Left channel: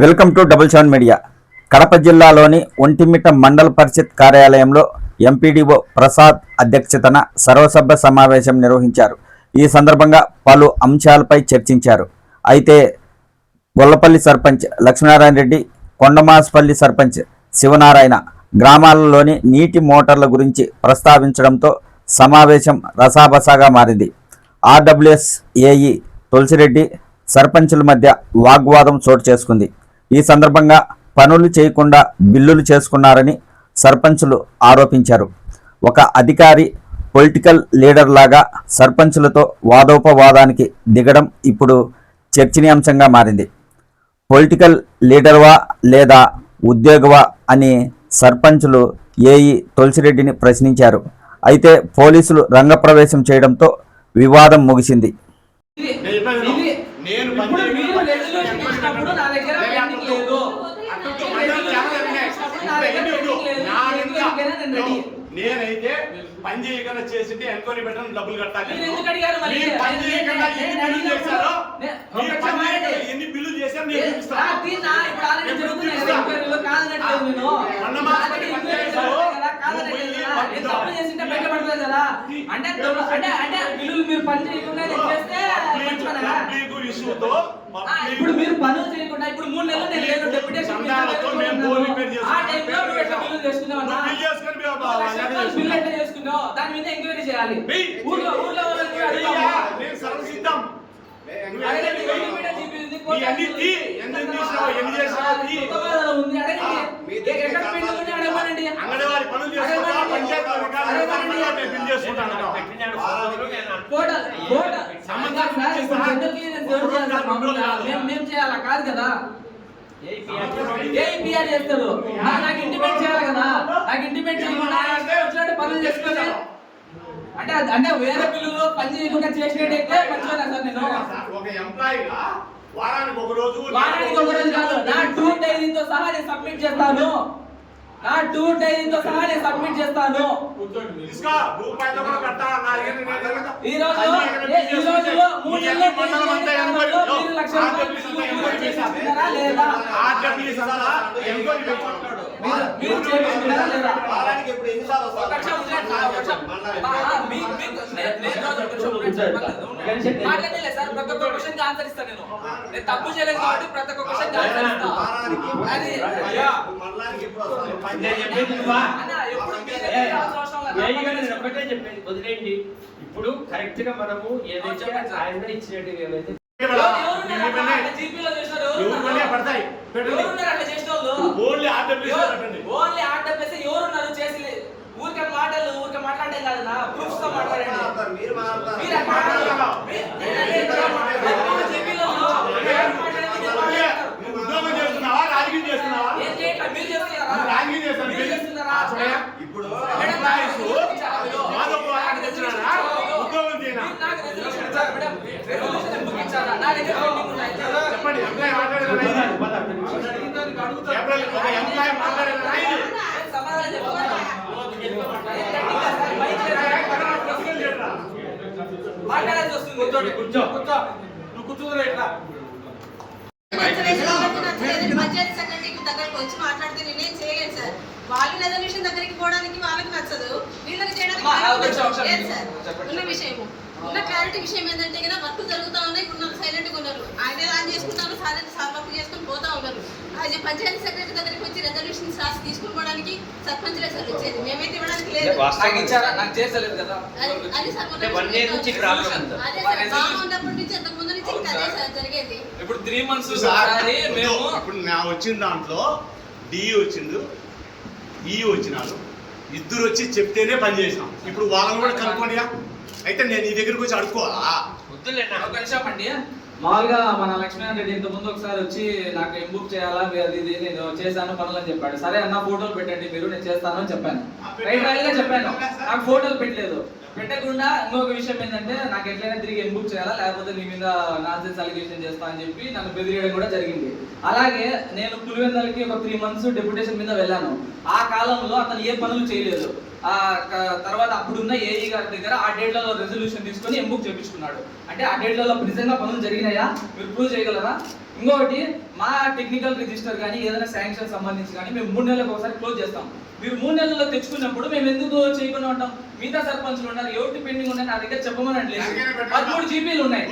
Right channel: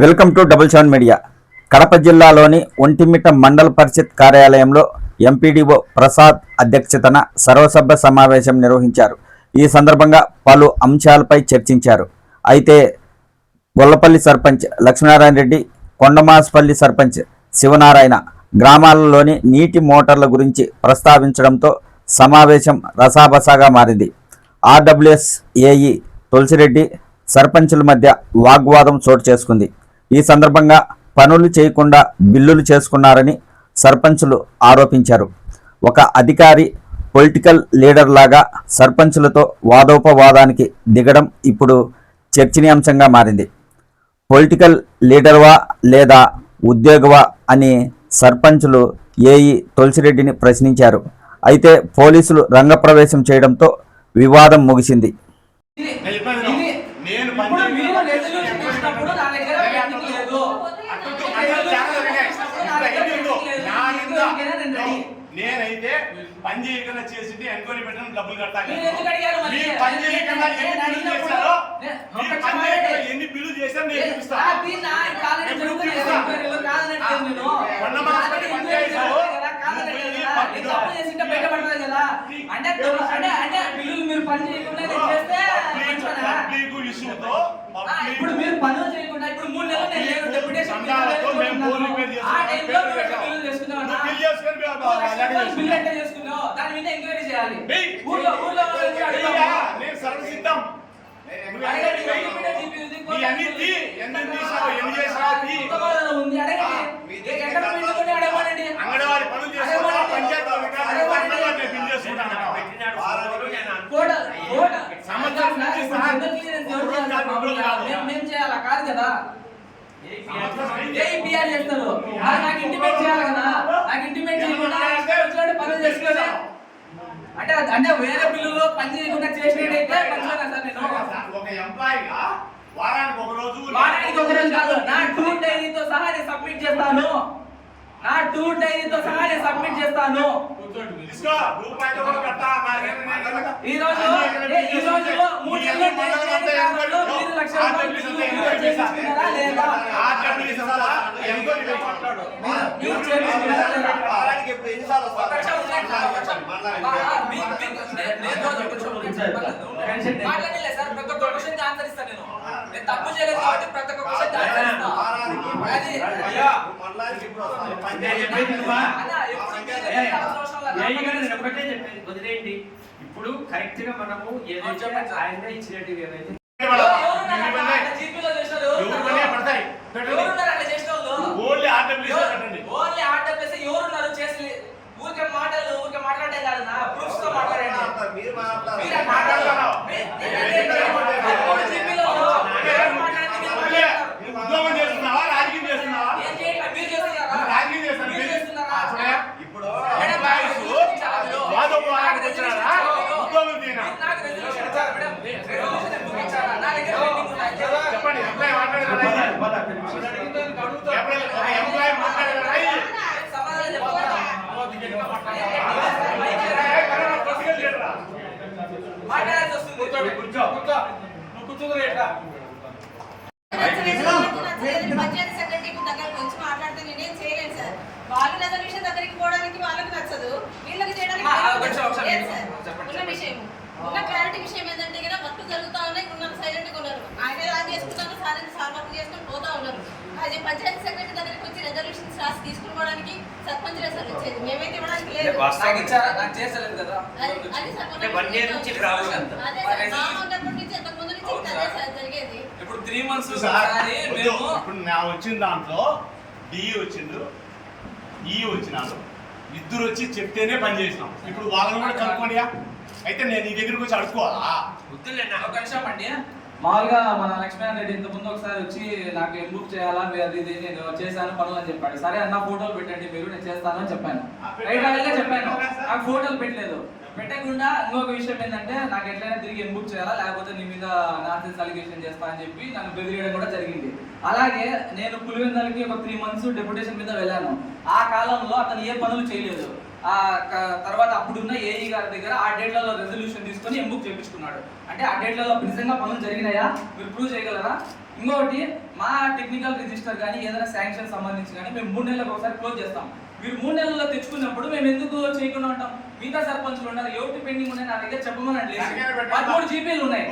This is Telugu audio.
Welcome to double seven media. Kadapa జిల్లాలోని ఒంటిమిట్ట మండల పరిషత్ కార్యాలయంలో ఎంపీడీఓ ప్రసాద్ అధ్యక్షతన సర్వసభ్య సమావేశం నిర్వహించారు. ఈ సందర్భంగా పలు అంశాలపై చర్చించారు. అయితే గొల్లపల్లి సర్పంచ్ లక్ష్మీనారాయణ రెడ్డి, కొండమాస్పల్లి సర్పంచ్ శివనారాయణ గ్రామాలలోని నీటి మోటార్ల గురించి ప్రస్తావించడంతో సమావేశం రసాబసాగా మారింది. ఆర్డబ్ల్యూఎస్ ఏఈ తులసిరెడ్డి సర్పంచుల మధ్య వాగ్వాదం చోటు చేసుకుంది. ఈ సందర్భంగా పనులు చేయకుండా బిల్లులు చేసుకున్నారని సర్పంచులు ఆరోపించారు. ఒక అధికారి పొలిటికల్ లీడర్ లాగా సర్పంచులతో వాదోపవాదానికి దిగడం ఇప్పుడు చర్చనీయాంశంగా మారింది. పొలిటికల్ లీడర్వా లేదా ఉద్యోగవా అని సర్పంచులు ఏఈ తులసిరెడ్డిని ప్రశ్నించారు. అయితే పోలీసులు రంగప్రవేశం చేయడంతో వివాదం ముగిసింది. నేనైతే పని చేయకుండా చేసింటే ఎంక్వైరీ పెట్టడం డబ్బులు కట్టాలి. మీరు పని చేయకుండా ఎన్ని బిల్లు చేశారో, మీరు పని చేయకుండా ఎన్ని బిల్లు చేశారో నేను చూపిస్తాను. ఇప్పుడు మీరు పనులు చేయకుండా ఇప్పుడు 3 నెలలు సంఘాలతో మేము బోర్ రిపేర్ చేసుకున్నాం. దాని మీద ఎంక్వైరీ చేయాలి. నేను సర్వసిద్ధం. అంగన్వాడి పనులు చేసుకుంటా, పంచాయతీ బిల్ చేసుకుంటాను. మేము చేయాలా కాదు కదా, ఏపీఆర్ చేస్తారు. నాకు ఇంటిమేట్ చేయాలి కదా, నాకు ఇంటిమేట్ చేయకుండా పనులు చేసుకోలే అంటే అంటే వేరే బిల్లులో పని చేయకుండా చేసినట్టయితే ఒక ఎంప్లాయీగా వారానికి ఒక రోజు కాదు, నా టూర్ డైరీతో సహా నేను సబ్మిట్ చేస్తాను. నా టూర్ డైరీతో సహా నేను సబ్మిట్ చేస్తాను. ఈ రోజు 3 తప్పు చేయలేదు కాబట్టి ప్రతి ఒక్క క్వశ్చన్ వదిలేండి. ఇప్పుడు కరెక్ట్ గా మనము ఏదైతే ఆయన ఇచ్చినట్టు ఏదైతే పడతాయి ఊరికే మాట్లాడే కాదు, నా ప్రూఫ్స్ తో మాట్లాడండి. ఉద్యోగం చేస్తున్నావా, రాజకీయం చేస్తున్నావా? రాజకీయం చేస్తున్నా. ఇప్పుడు ఎంప్లాయీస్ ఉద్యోగం చేయనా చెప్పండి. ఎంప్లాయీ మాట్లాడేదా? ఏప్రిల్ ఒక ఎంప్లాయీ మాట్లాడేదా? మాట్లాడాల్సి వస్తుంది. కూర్చో నువ్వు కూర్చుందిరా ఎట్లా పంచాయతీ సెక్రటరీకి దగ్గరకు వచ్చి మాట్లాడితే నేనేం చేయలేను సార్. వాళ్ళు రెజల్యూషన్ దగ్గరికి పోవడానికి వాళ్ళకి నచ్చదు, వీళ్ళకి చేయడానికి లేదు సార్. ఉన్న విషయము ఉన్న క్లారిటీ విషయం ఏంటంటే కదా, వర్క్ జరుగుతూ ఉన్నాయి, ఉన్నారు సైలెంట్గా ఉన్నారు. ఆయన ఆన్ చేసుకుంటారు, సాల్వ్ చేసుకుని పోతా ఉన్నారు. అది పంచాయతీ సెక్రటరీ దగ్గరికి వచ్చి రెజల్యూషన్స్ రాసి తీసుకుపోవడానికి సర్పంచ్లే సార్ వచ్చేది, మేమైతే ఇవ్వడానికి లేదు. అది సార్ అదే సార్, బాగా ఉన్నప్పటి నుంచి అంతకు ముందు నుంచి ఇంకా అదే సార్ జరిగేది. ఇప్పుడు 3 months ఇప్పుడు నా వచ్చిన దాంట్లో డిఈ వచ్చిండు, ఈ వచ్చినాడు, ఇద్దరు వచ్చి చెప్తేనే పని చేసినాం. ఇప్పుడు వాళ్ళని కూడా కనుక్కోండిగా. అయితే నేను నీ దగ్గరికి వచ్చి అడుక్కోవాలా? మామూలుగా మన లక్ష్మీనారాయణ రెడ్డి ఇంత ముందు ఒకసారి వచ్చి నాకు బుక్ చేయాలా, ఇది నేను చేశాను పనులు అని చెప్పాడు. సరే అన్న ఫోటోలు పెట్టండి మీరు, నేను చేస్తాను అని చెప్పాను. రైట్ చెప్పాను, నాకు ఫోటోలు పెట్టలేదు. పెట్టకుండా ఇంకొక విషయం ఏంటంటే, నాకు ఎట్లయినా తిరిగి బుక్ చేయాలా, లేకపోతే నీ మీద నాన్సెన్స్ అలిగేషన్ చేస్తా అని చెప్పి నన్ను బెదిరియడం కూడా జరిగింది. అలాగే నేను పులివెందులకి ఒక 3 months డెప్యుటేషన్ మీద వెళ్ళాను. ఆ కాలంలో అతను ఏ పనులు చేయలేదు. తర్వాత అప్పుడున్న ఏఈ గారి దగ్గర ఆ డేట్లలో రెజల్యూషన్ తీసుకొని ఎంబుక్ చేయించుకున్నాడు. అంటే ఆ డేట్లలో నిజంగా పనులు జరిగినాయా మీరు ప్రూవ్ చేయగలరా? ఇంకొకటి మా టెక్నికల్ రిజిస్టర్ కానీ ఏదైనా శాంక్షన్ సంబంధించి కానీ మేము 3 నెలలకు ఒకసారి క్లోజ్ చేస్తాం. మీరు 3 నెలల్లో తెచ్చుకున్నప్పుడు మేము ఎందుకు చేయకుండా ఉంటాం? మిగతా సర్పంచులు ఉండాలి, ఎవరికి పెండింగ్ ఉన్నాయి నా దగ్గర చెప్పమని 13 జీబీలు ఉన్నాయి.